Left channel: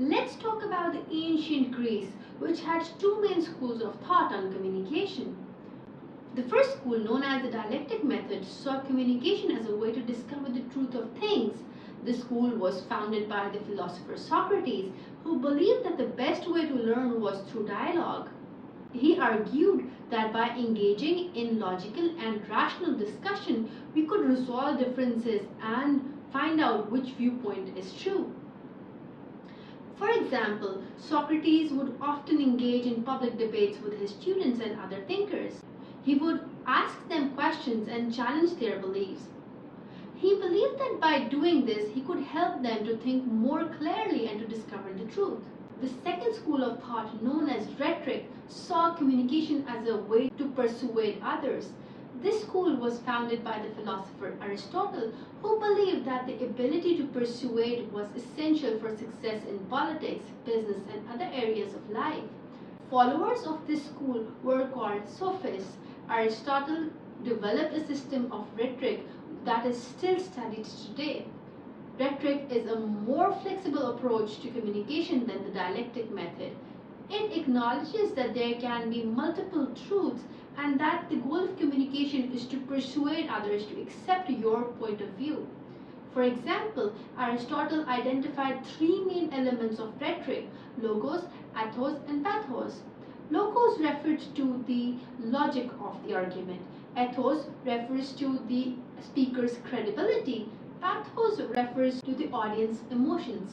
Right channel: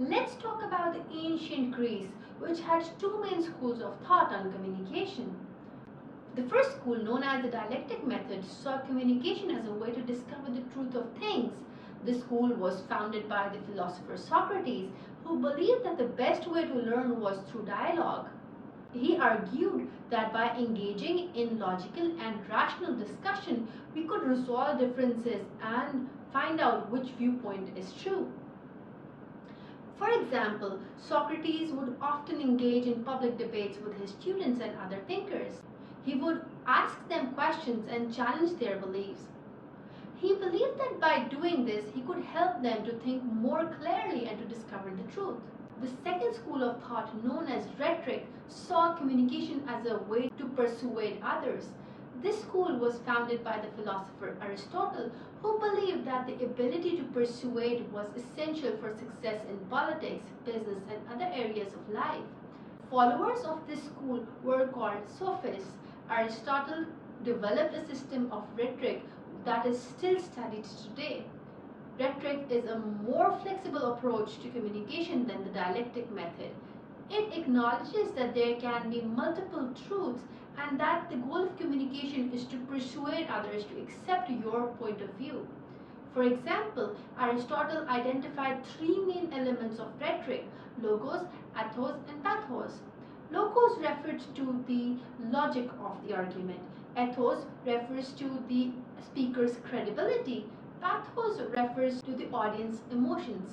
Let's talk about the ancient Greece, which had two main schools of thought on communication. The first school, known as the dialectic method, saw communication as a way to discover the truth of things. This school was founded by the philosopher Socrates, who believed that the best way to learn was through dialogue. He argued that by engaging in logical and rational discussion, we could resolve differences and find out which viewpoint is true. For example, Socrates would often engage in public debates with his students and other thinkers. He would ask them questions and challenge their beliefs. He believed that by doing this, he could help them to think more clearly and to discover the truth. The second school of thought, known as rhetoric, saw communication as a way to persuade others. This school was founded by the philosopher Aristotle, who believed that the ability to persuade was essential for success in politics, business, and other areas of life. Followers of this school were called sophists. Aristotle developed a system of rhetoric that is still studied today. Rhetoric is a more flexible approach to communication than the dialectic method. It acknowledges that there can be multiple truths and that the goal of communication is to persuade others to accept your point of view. For example, Aristotle identified three main elements of rhetoric: logos, ethos, and pathos. Logos refers to the logic of the argument. Ethos refers to the speaker's credibility. Pathos refers to the audience's emotions.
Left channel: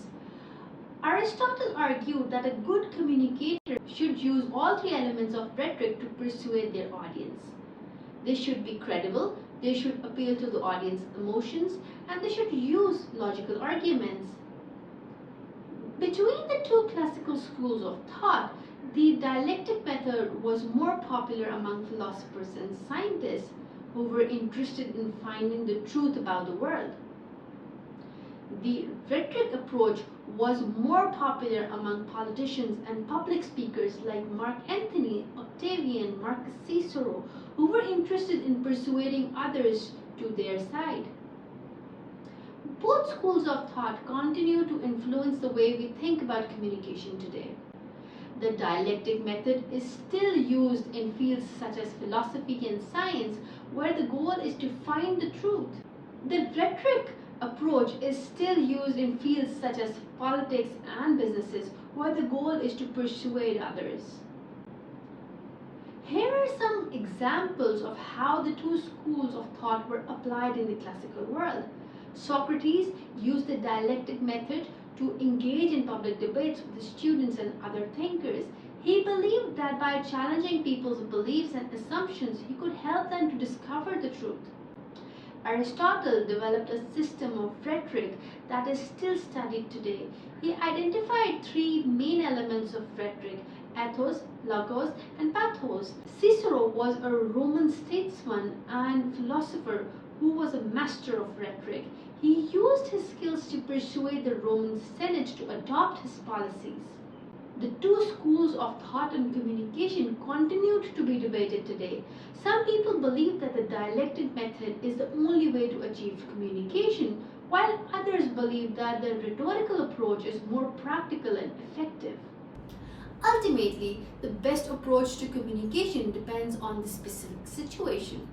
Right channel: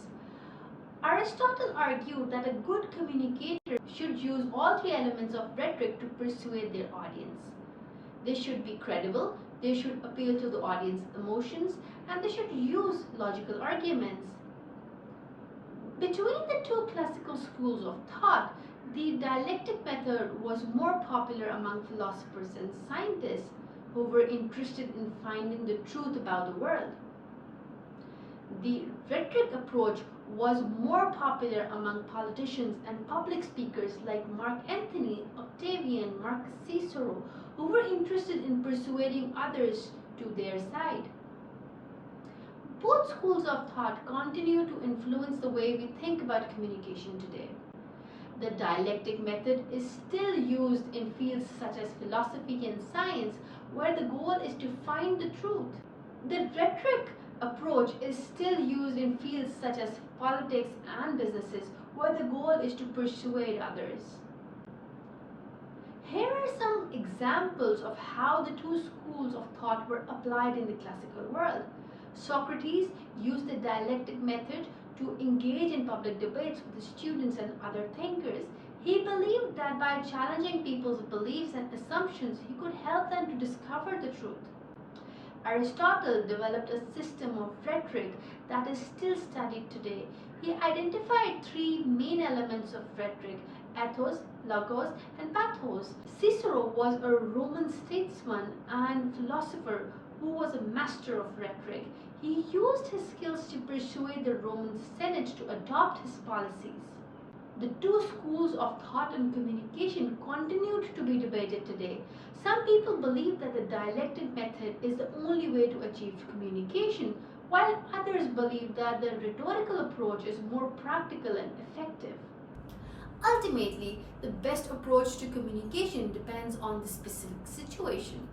Aristotle argued that a good communicator should use all three elements of rhetoric to persuade their audience. They should be credible, they should appeal to the audience's emotions, and they should use logical arguments. Between the two classical schools of thought, the dialectic method was more popular among philosophers and scientists who were interested in finding the truth about the world. The rhetoric approach was more popular among politicians and public speakers like Mark Antony, Octavian, Marcus Cicero, who were interested in persuading others to their side. Both schools of thought continue to influence the way we think about communication today. The dialectic method is still used in fields such as philosophy and science, where the goal is to find the truth. The rhetoric approach is still used in fields such as politics and businesses, where the goal is to persuade others. Here are some examples of how the two schools of thought were applied in the classical world. Socrates used the dialectic method to engage in public debates with the students and other thinkers. He believed that by challenging people's beliefs and assumptions, he could help them to discover the truth. Aristotle developed a system of rhetoric that is still studied today. He identified three main elements of rhetoric: ethos, logos, and pathos. Cicero was a Roman statesman and philosopher who was a master of rhetoric. He used his skills to persuade the Roman Senate to adopt his policies. The two schools of thought and communication continued to be debated today. Some people believe that the dialectic method is the only way to achieve communication, while others believe that the rhetorical approach is more practical and effective. Ultimately, the best approach to communication depends on the specific situation.